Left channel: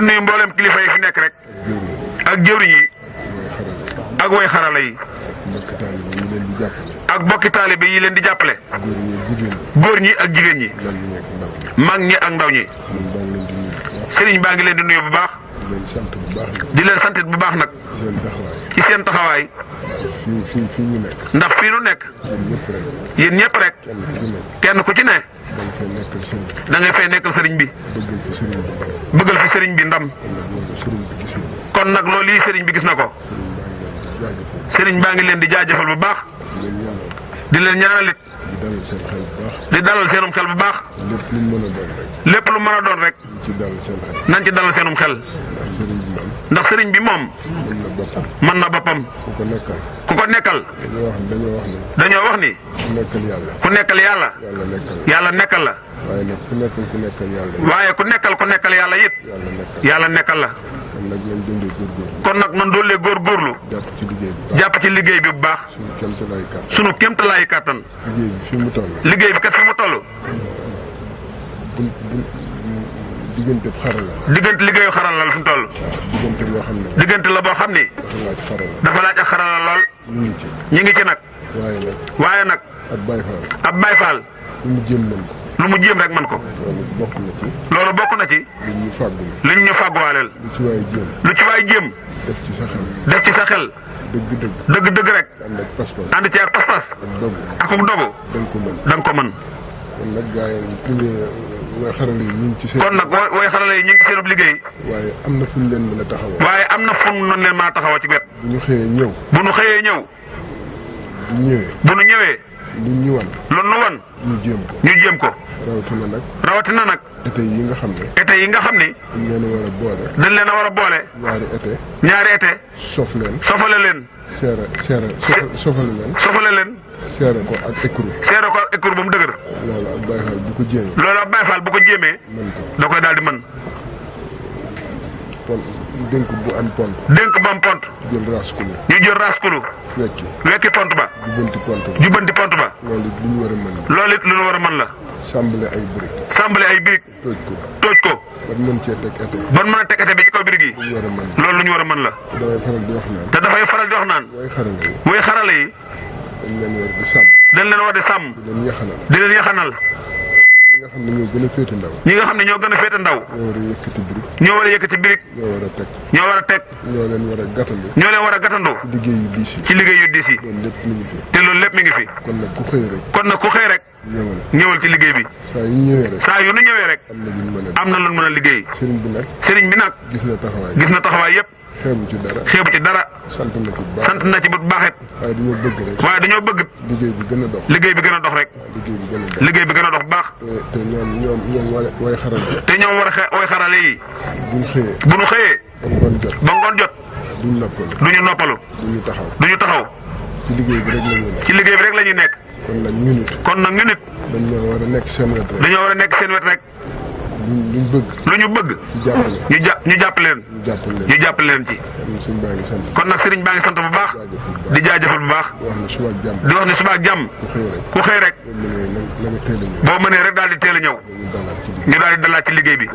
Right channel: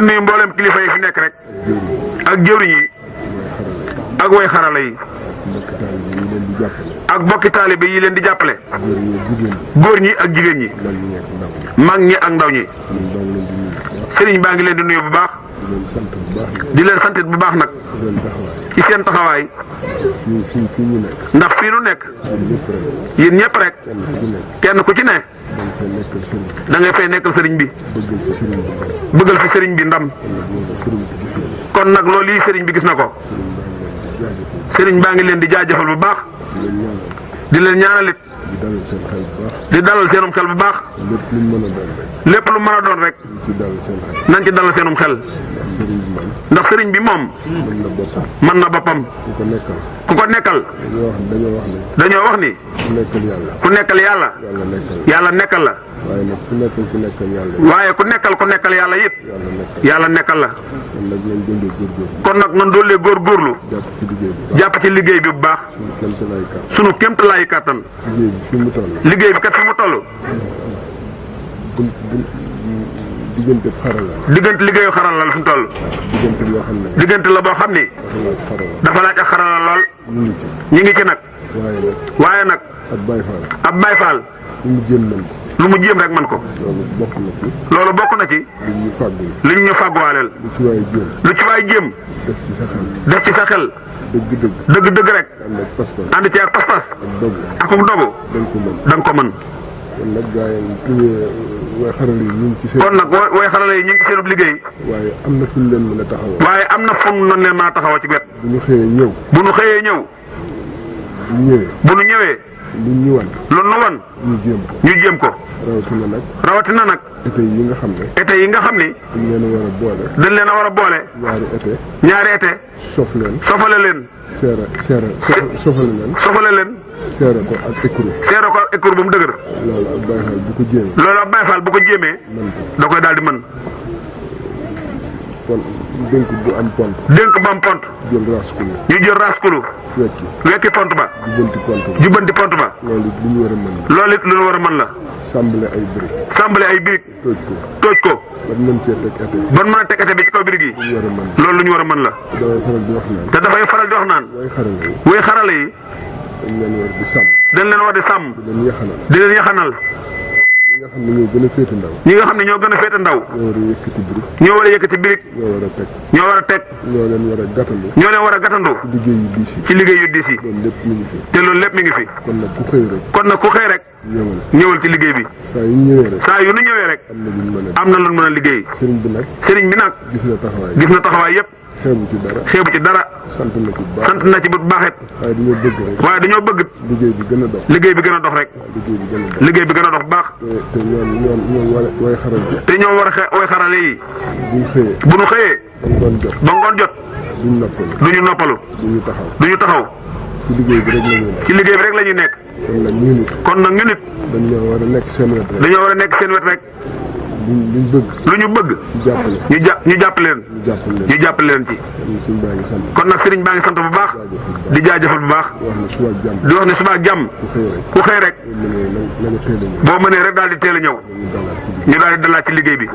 di nuyu mboolem kilifa yi fi nekk rek. ak jëwriñ yi. ak way xarala yi. ak bokki taalibe yi leen di jàppale. góor ñi ak jigéen ñi. mag ñi ak ndaw ñi. sëriñ baa ngi leen di nuyu bu baax. di leen sant bu baax nag. ci seen taxawaay. ndax fii nu nekk. yéen ñëpp rek. kenn ku ci ne. da ngay fay nekkal sëriñ bi. bëggal fi sëriñ bi ndam. kon nag loolu yi sëriñ bi gis na ko. sëriñ baa ngi leen di jaajëfal bu baax. di leen ñaanalit. di dalal seenum xel bu baax. lépp lu mën a doon rek. nañ ci dalal seenum xel. ndax sëriñ bi moom. mën na boppam. ku ko nekkal. dañoo wax ni. ku nekkal yàlla. yàlla nekkal la. waaye ku nekkal yàlla it. yàlla nekkal la. kon nag nan doolee góorgóorlu. jàpp ci liggéey bi bu baax. sunu kéemtalaayu kàttan. liggéey bi kat fi mu toll. diggante xarala la. diggante liggéeyu xarala la fi mu toll. diggante loo xam ne. diggante la boo xam ni. dafa laaj ak xarala lool. ñu ngi ci nag. waaye nag. ab Baay Faal. lu mu jéem mën ko. lu mu jéem rek mën ko. loolu bokk na ci. li ñu fàgguwaaleel. lu ci waay jéem. def ci sa xel. dëgg rek. ànd ci ak pas-pas. ak dogu. da nga ko mën. kon nag way xarale yi ñu ngi ci seen. kon nag way xarale yi ñu ngi ci seen liggéey. waaye am na fu ñu leen mën a taxawoo. waaye am na fu ñu leen mën a taxawoo ci wet. bu ñu xëyee ñëw. bu ñu xëyee ñëw. bu ñu ñëwee. lu ñu wan. lu ñu wan. ñu jéem ko. rawatina nag. été yi nga xam ne. été yi nga xam ni. dañ leen a war a boole. dañ leen a war a boole. ñaari été. sofale leen. sofale leen. seere ko ak écrou. ba mu dëgër. loolu ab Baay Faal bu ko jéemee. bu ko jéemee. mën ko da koy daal di mën. dénk bu am pont. ñu jël raskulu. wekki pont ba. jubbanti pont ba. loolu it lu ñu war a mën la. loolu it lu ñu war a mën la. sàmbale ay briques. tooj ko. ba mën cee teg été. ba mën a teg été bi ci kaw briques yi. loolu lu ñu war a mën la. te dafay faral di wax naan. way xarale yi. dañ leen war di sàmm. di leen yaxanal. ñi nga xam ne ñoo gën a féete ndaw. ñoo war a yëkkati birig. ñoo war a teg. ñoo leen war a gàttandu. ci liggéey yu diis yi. te loolu lépp mi ngi fi. kon nag ku xëy rek. ñëwal ci liggéey bi. saa yu ñu ñëwee rek. am na lu mën a liggéey. sëriñ bi nag. gis na taxawaay yépp. xeebu ci dara. sant na ci bu baaxet. waaye dañoo bëgg. liggéey bi gën a dox. rek. liggéey bi gën a dox baax. te ñoom way xarale. te ñoom way xarale yi. bu ñu xëyee. ba ngoon jot. duñu noppalu. duñu taxaw. ci liggéey bi rek la ñuy nekk. kon nag ñu nit. dañoo war a nekk seen wet rek. lu ñu bëgg. ñu jàppale leen ci. kon nag sëriñ baa ngi sant bu baax. di jaajëfal bu baax. di wax ne suba ak jàmm. ku xëy rek. boo mënee rek daal di teel a ñëw. ñu daal di dalaat ci liggéey bi.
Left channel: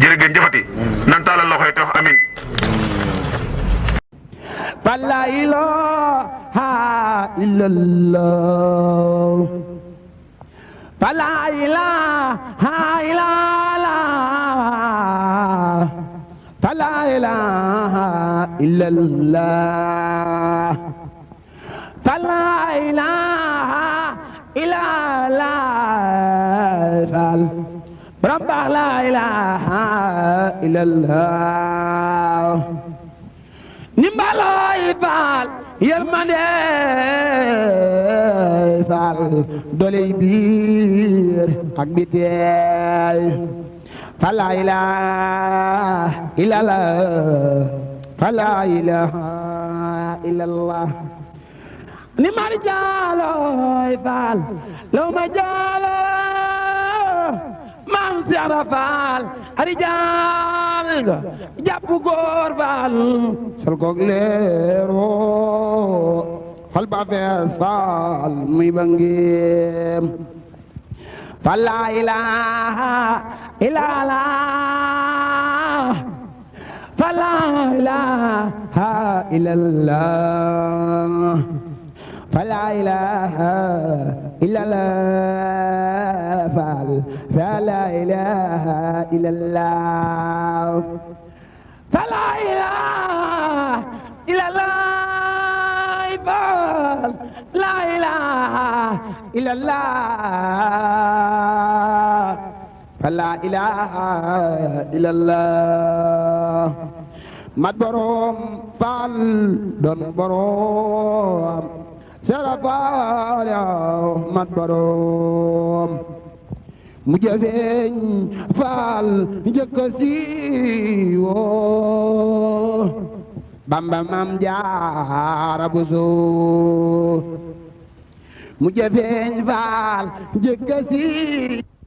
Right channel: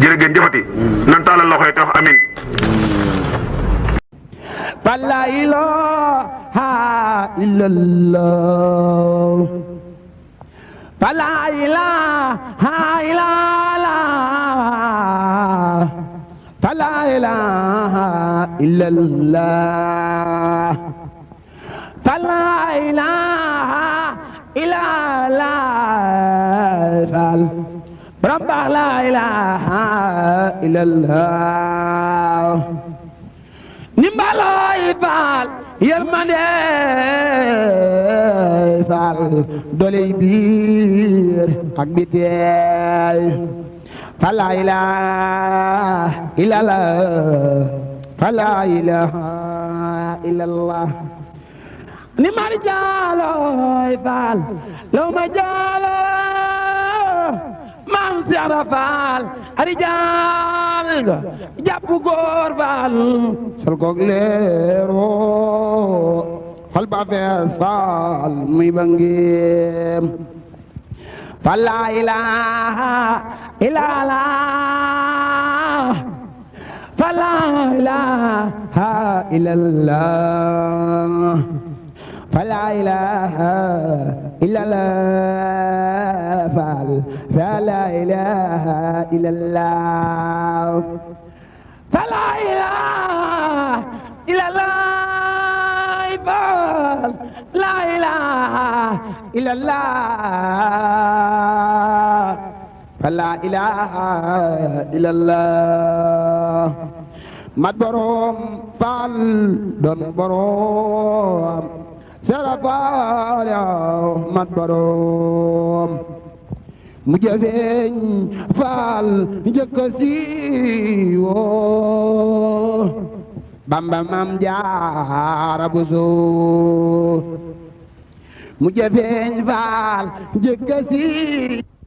jërëgeen jëfati. nan taalal loxo yi te wax amin. la ilaha illallah. la ilaha illallah. la ilaha illallah. la ilaha illallah. Rabba la ilaha illallah. Nimbaloy Faal yërmande Faal doley biir ak biteel fa la ilaha illallah fa la ilaha illallah ni mar jaaloy Faal law ma jaalo maam Seera Faal ari jaal nga jàpp góor Faal sol koog leero xol ba fees Faal muy ba ngeem fa la ilaha illallah فلا إله إلا الله فلا إله إلا الله فلا إله إلا الله فلا إله إلا الله لا إله إلا الله فلا إله إلا الله mat borom faal doon borom sera faal yow mat borom mu jëfeeñ faal njëkk a siiwoo Bamba Maam Jaara Buso mu jëfeeñ faal njëkk a siiwoo